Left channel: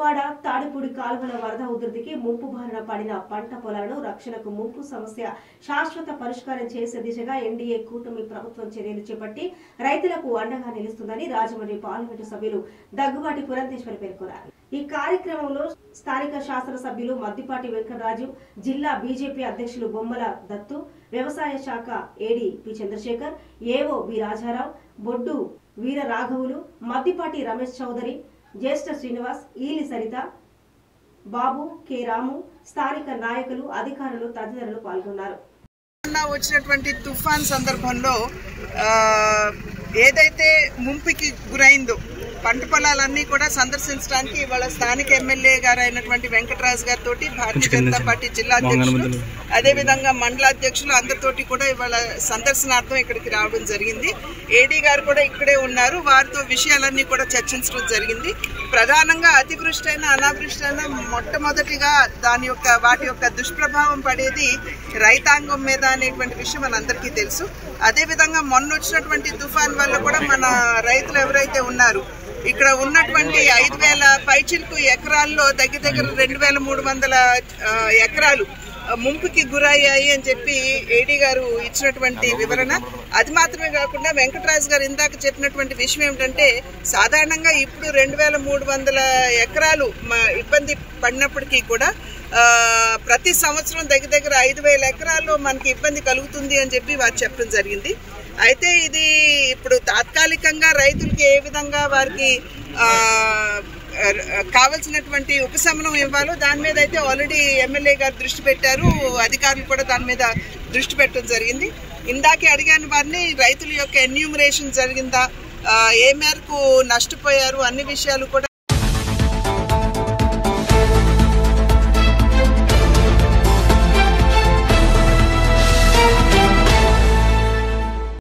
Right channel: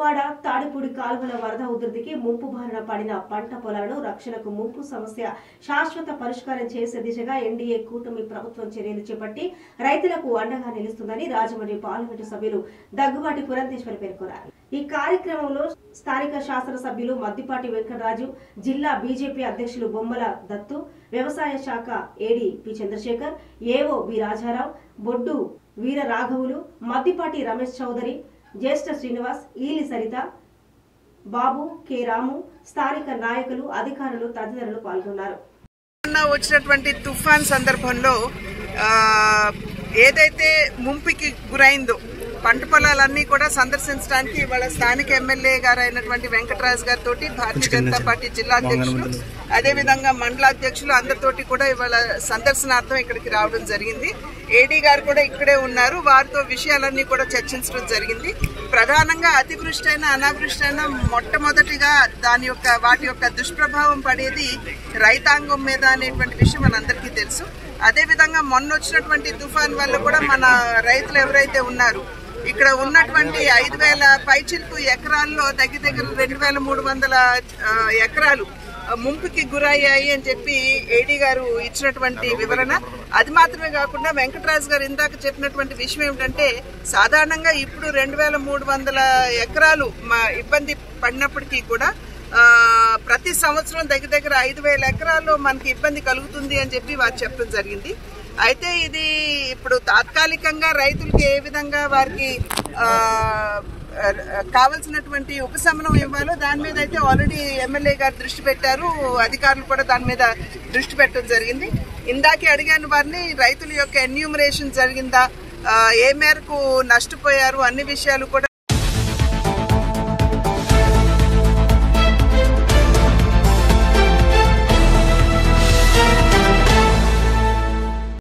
కోవాడ తాడిపూడి కాలువల వరద ఉధృతికి ముంపు బారిన పడిన పంట పొలాలను రక్షణకు ముంపు సమస్య శాశ్వత పరిష్కారం చేసే దిశగా ఎన్డీఏ కూటమి ప్రభుత్వం చర్యలు చేపట్టి రైతులకు అండగా నిలుస్తుందని రాజమండ్రి పార్లమెంటు సభ్యులు దగ్గుబాటి పురంధేశ్వరి పేర్కొన్నారు. ఈ కార్యక్రమంలో స్థానిక శాసనసభ్యులు మద్దిపాటి వెంకటరాజు, జిల్లా బీజేపీ అధ్యక్షులు బొమ్మల దత్తు, వ్యవసాయ శాఖ AD P Chandrasekhar, AO B Raja Rao, Boddu Veera రాఘవులు, మద్దిపాటి రమేష్ చౌదరి, జ్యేష్ఠ శ్రీనివాస్, ఈలి సరిత, బాబు కె రాము, స్థానిక నాయకులు, అధికారులు తదితరులు పాల్గొన్నారు. వచ్చినటువంటి తుఫాన్ సందర్భంలో ఏదైతే ముంపుకి గురైందో పంట పొలాలన్నీ కూడా సందర్శించడానికి ఇవాళ స్థానిక ఎమ్మెల్యే గారు అయినటువంటి వెంకటరాజు గారితో భారతీయ జనతా పార్టీ జిల్లా అధ్యక్షులు అదేవిధంగా మండల అధ్యక్షులు అందరితోటి కూడా ఇవాళ సందర్శనార్థం ఇక్కడికి రావడం జరిగింది. ఏడీ గారు కూడా ఇక్కడే ఉన్నారు. వారితో విషయాలన్నీ కూడా చర్చించడం జరిగింది. ప్రధానంగా అతివృష్టి అయినా అనావృష్టి అయినా మొట్టమొదటిగా వాటి యొక్క దుష్ప్రభావం పడేది రైతాంగం మీద అనేటువంటి విషయం మనందరికీ తెలుసు. అదేవిధంగా మొన్న వచ్చినటువంటి తుఫాన్ వల్ల కూడా మన రైతులు ఎవరైతే ఉన్నారు ఇక్కడ ఉన్నటువంటి 5,000 పైచిలకు ఎకరాల్లో దగ్గర 2,300 ఎకరాలు ముంపుకి గురయ్యాయి అని చెప్పి ఏడీ గారు ఇచ్చినటువంటి వివరణ. అది మాత్రమే కాకుండా వెంకటరాజు గారు ఇందాక చెప్పినటువంటి విషయం ఏమిటంటే సాధారణంగా ఇప్పుడు 2,300 ఎకరాలు ఇబ్బంది పడినప్పటికీ కూడా ప్రతి సంవత్సరం దగ్గర 5,000 ఎకరాల్లో మనకి ఇబ్బంది కలుగుతుంది అని చెప్పి వారు చెప్పడం జరిగింది. అయితే ఇది ఇప్పుడు తాత్కాలికంగా రైతులకి ఏ విధంగా వారికి కావలసినటువంటి ఉపశమనం ఇవ్వాలో దాని మీద అయితే ఆల్రెడీ ఎమ్మెల్యే గారు దృష్టి పెట్టారు. అధికారులు కూడా దాని మీద దృష్టి పెట్టడం జరిగింది. ఇందాకే అడిగాను వారిని, రైతుల యొక్క ఎన్యూమరేషన్ జరిగిందా, ఏ మేరకు నష్టపోయారు, అన్ని విషయాలు కూడా